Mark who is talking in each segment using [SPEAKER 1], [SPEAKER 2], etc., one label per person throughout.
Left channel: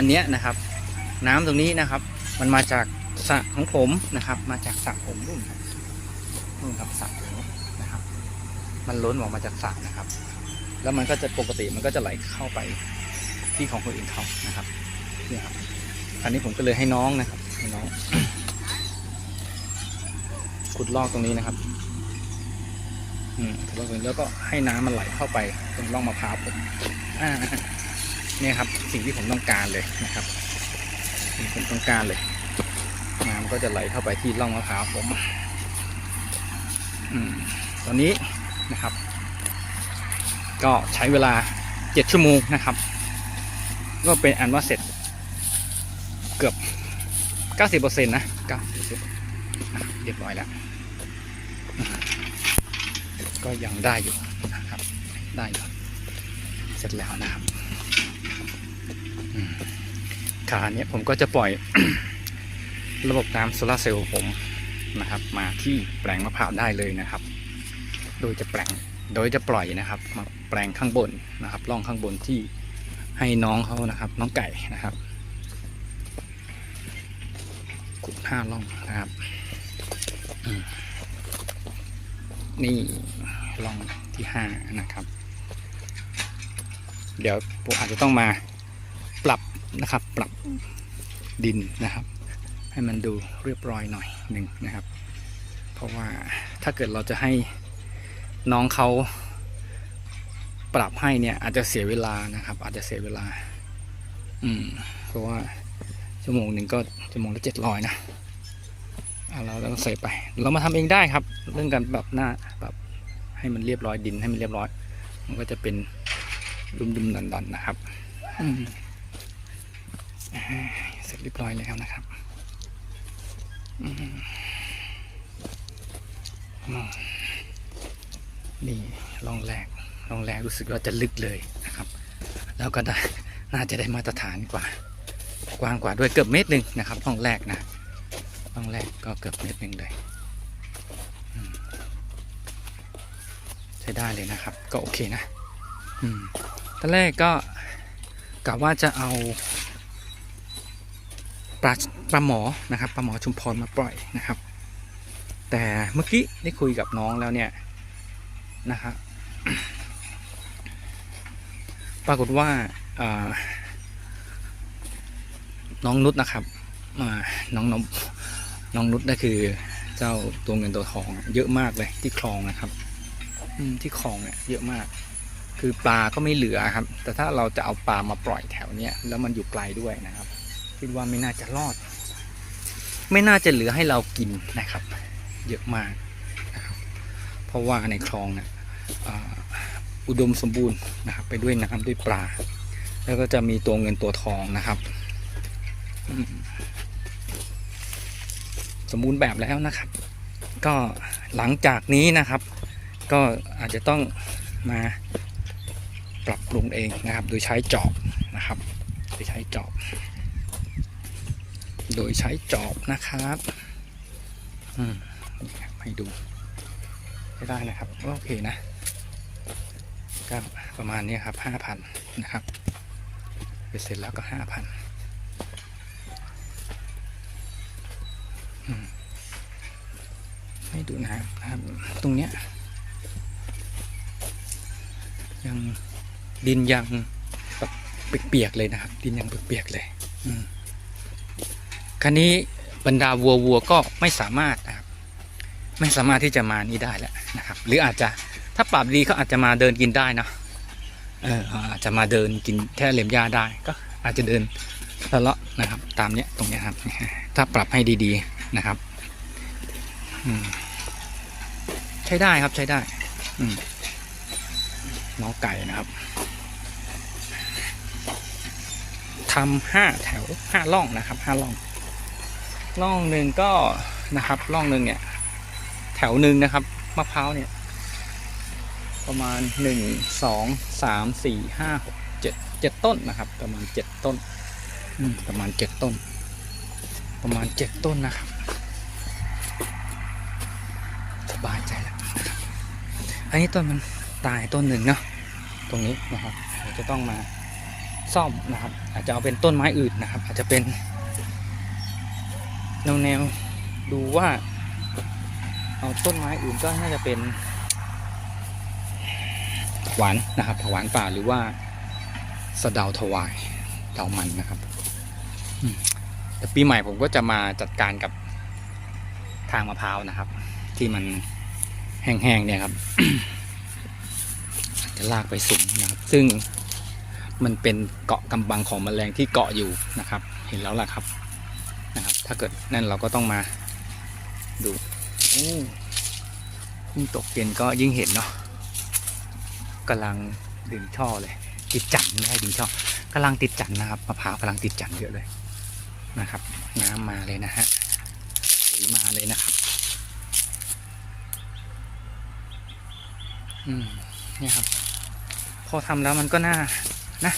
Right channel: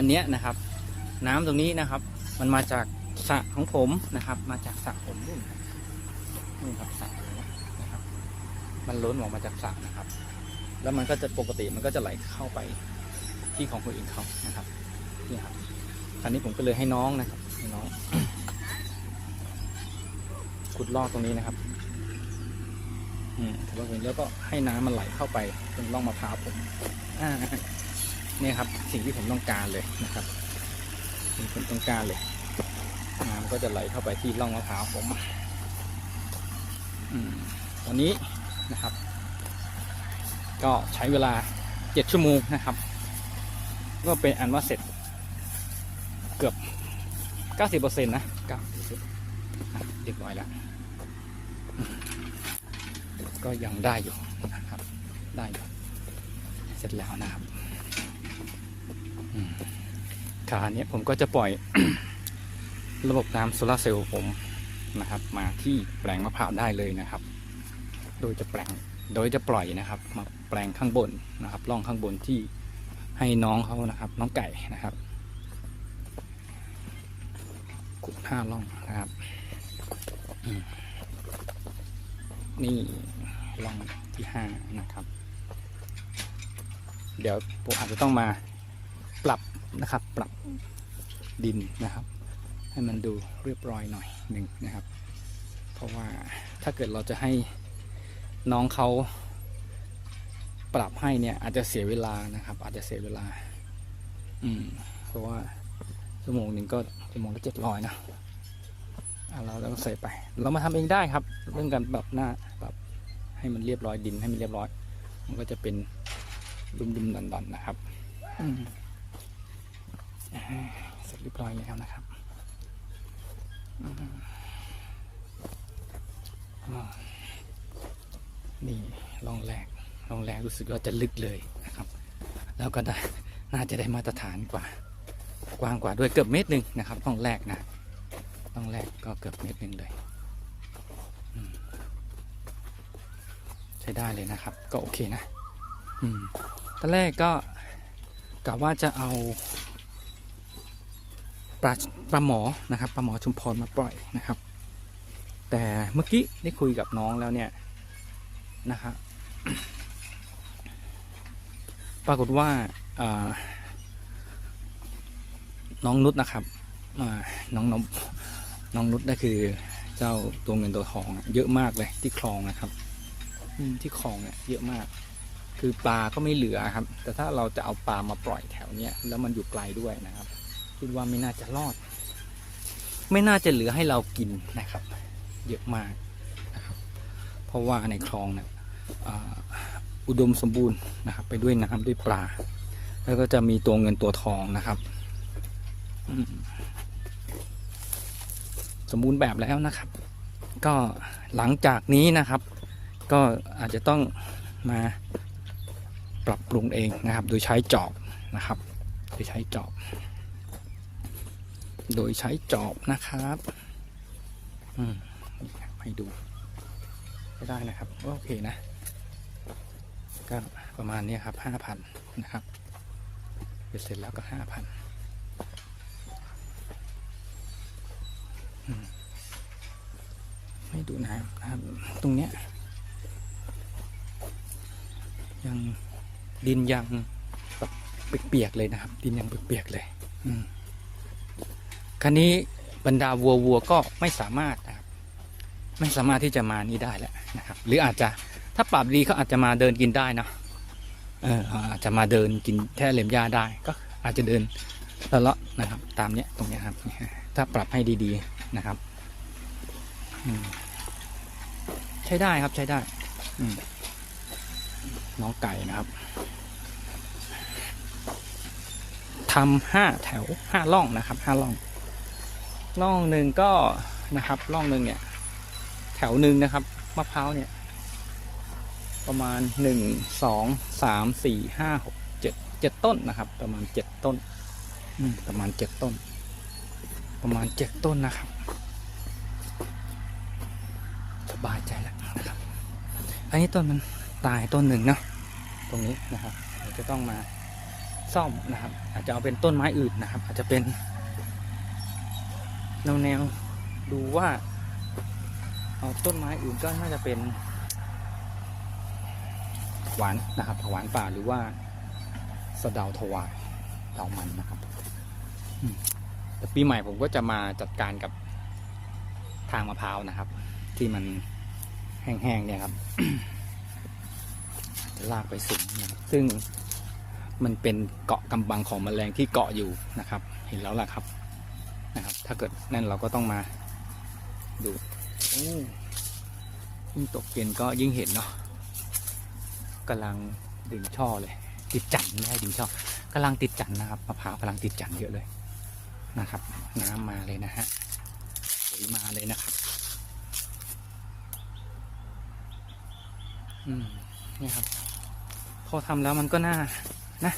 [SPEAKER 1] อันเนี้ยนะครับ น้ำตรงนี้นะครับ มันมาจากสระของผมนะครับ มาจากสระผมนู่นนู่นครับสระผมนะครับ มันล้นออกมาจากสระนะครับ แล้วมันก็จะปกติมันก็จะไหลเข้าไปที่ของคนอื่นเขานะครับนี่ครับอันนี้ผมก็เลยให้น้องนะครับให้น้องขุดลอกตรงนี้นะครับอืมขุดลอกตรงนี้แล้วก็ให้น้ำมันไหลเข้าไปตรงร่องมะพร้าวผมอ่า เนี่ยครับสิ่งที่ผมต้องการเลยนะครับสิ่งที่ผมต้องการเลยน้ำก็จะไหลเข้าไปที่ร่องมะพร้าวผมอตอนนี้นะครับ ก็ใช้เวลาเจ็ดชั่วโมงนะครับ ก็เป็นอันว่าเสร็จ เกือบเก้าสิบเปอร์เซ็นต์นะเก้าสิบเรียบร้อยแล้ว ก็ยังได้อยู่นะครับ ได้อยู่เสร็จแล้วนะครับ อืมคราวนี้ผมก็จะปล่อย ระบบน้ำโซลาเซลล์ผมนะครับ มาที่แปลงมะพร้าวได้เลยนะครับ โดยจะแปลงโดยจะปล่อยนะครับ มาแปลงข้างบนนะครับร่องข้างบนที่ให้น้องเขานะครับ น้องไก่นะครับขุดห้าร่องนะครับนี่ร่องที่ห้านะครับ เดี๋ยวผมอาจจะต้องมา ปรับนะครับ ปรับดินนะครับ ให้มันดูเรียบร้อยหน่อยหนึ่งนะครับ เพราะว่าถ้าเกิดเราจะให้น้องเขาปรับให้เนี่ย อาจจะเสียเวลานะครับ อาจจะเสียเวลา อืมเพราะว่าชั่วโมงหนึ่งก็ชั่วโมงละเจ็ดร้อยนะเอาเราเราใส่ไป เรามาทำเองได้ครับ เรื่องการปรับหน้าปรับให้มันเรียบร้อยดินให้มันเรียบร้อย มันก็จะเป็นดุมๆดันๆนะครับ อืม เสร็จเรียบร้อยแล้วนะครับนี่ลองแรกลองแรกรู้สึกว่าจะลึกเลยนะครับ แล้วก็ได้น่าจะได้มาตรฐานกว่า กว้างกว่าด้วยเกือบเมตรหนึ่งนะครับห้องแรกนะห้องแรกก็เกือบเมตรหนึ่งเลยใช้ได้เลยนะครับ ก็โอเคนะ อืมตอนแรกก็กะว่าจะเอา ปลาปลาหมอนะครับปลาหมอชุมพรมาปล่อยนะครับ แต่เมื่อกี้ได้คุยกับน้องแล้วเนี่ยนะครับปรากฏว่าน้องนุชนะครับอ่าน้องน้องน้องนุชนั่นคือเจ้าตัวเงินตัวทองเยอะมากเลยที่คลองนะครับที่คลองเนี่ยเยอะมาก คือปลาก็ไม่เหลือครับ แต่ถ้าเราจะเอาปลามาปล่อยแถวเนี้ยแล้วมันอยู่ไกลด้วยนะครับ คิดว่าไม่น่าจะรอด ไม่น่าจะเหลือให้เรากินนะครับ เยอะมากนะครับเพราะว่าในคลองเนี่ยอุดมสมบูรณ์นะครับ ไปด้วยน้ำด้วยปลา แล้วก็จะมีตัวเงินตัวทองนะครับ สมบูรณ์แบบแล้วนะครับ ก็หลังจากนี้นะครับ ก็อาจจะต้องมาปรับปรุงเองนะครับ โดยใช้จอบนะครับ โดยใช้จอบ โดยใช้จอบนะครับอืมให้ดูก็ได้นะครับโอเคนะก็ประมาณนี้ครับห้าพันนะครับไปเสร็จแล้วก็ห้าพันให้ดูนะครับ ตรงเนี้ยยังดินยังเปียกๆเลยนะครับ ดินยังเปียกๆเลย อืม คราวนี้บรรดาวัววัวก็ไม่สามารถนะครับไม่สามารถที่จะมานี่ได้แล้วนะครับ หรืออาจจะถ้าปรับดีเขาอาจจะมาเดินกินได้นะเอออาจจะมาเดินกินแท่เหล็มหญ้าได้ก็อาจจะเดินละเลาะนะครับ ตามเนี้ยตรงเนี้ยครับ ถ้าปรับให้ดีๆนะครับใช้ได้ครับใช้ได้น้องไก่นะครับทำห้าแถวห้าล่องนะครับห้าล่อง ล่องหนึ่งก็นะครับล่องหนึ่งเนี่ยแถวหนึ่งนะครับมะพร้าวเนี่ย ประมาณหนึ่งสองสามสี่ห้าหกเจ็ดเจ็ดต้นนะครับ ประมาณเจ็ดต้นประมาณเจ็ดต้น ประมาณเจ็ดต้นนะครับสบายใจแล้วนะครับอันนี้ต้นมันตายต้นหนึ่งเนาะตรงนี้นะครับจะต้องมาซ่อมนะครับ อาจจะเอาเป็นต้นไม้อื่นนะครับ อาจจะเป็น แนวแนวดูว่า เอาต้นไม้อื่นก็น่าจะเป็นผักหวานนะครับผวานป่าหรือว่าสะดาถวายเดามันนะครับแต่ปีใหม่ผมก็จะมาจัดการกับทางมะพร้าวนะครับ ที่มันแห้งๆเนี่ยครับ จะลากไปสุมนะครับซึ่งมันเป็นเกาะกำบังของแมลงที่เกาะอยู่นะครับ เห็นแล้วล่ะครับ นะครับ ถ้าเกิดนั่นเราก็ต้องมาดูโอ้ยิ่งตกเย็นก็ยิ่งเห็นเนาะกำลังดึงช่อเลย ติดจันทร์ไม่ใช่ดึงช่อกำลังติดจันทร์นะครับมะพร้าวกำลังติดจันทร์เยอะเลยนะครับน้ำมาเลยนะฮะสีมาเลยนะครับอืมเนี่ยครับ พอทำแล้วมันก็น่านะ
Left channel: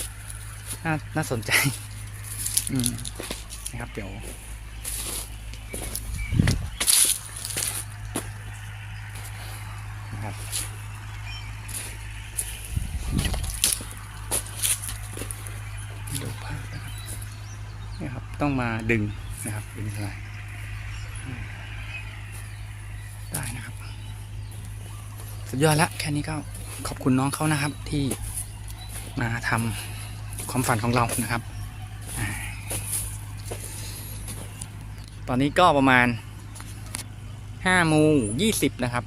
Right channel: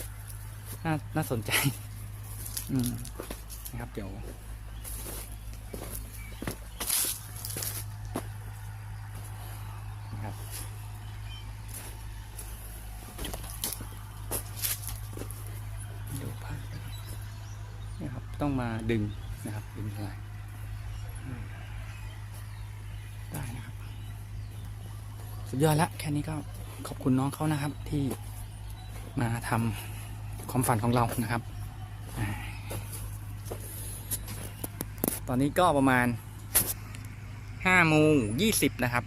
[SPEAKER 1] น่าน่าสนใจ อืม นะครับเดี๋ยวนะครับดูภาพนะครับนี่ครับต้องมาดึงนะครับดึงอะไรได้นะครับ สุดยอดละแค่นี้ก็ขอบคุณน้องเขานะครับที่มาทำความฝันของเรานะครับอ่า ตอนนี้ก็ประมาณห้าโมงยี่สิบนะครับ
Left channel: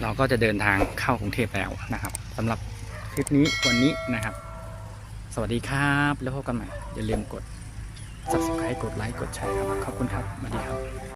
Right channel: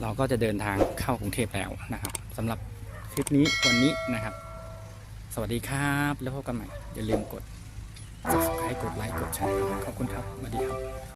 [SPEAKER 1] เราก็จะเดินทางเข้ากรุงเทพแล้วนะครับสำหรับคลิปนี้วันนี้นะครับ สวัสดีครับ แล้วพบกันใหม่ อย่าลืมกด subscribe กดไลค์กดแชร์ครับขอบคุณครับสวัสดีครับ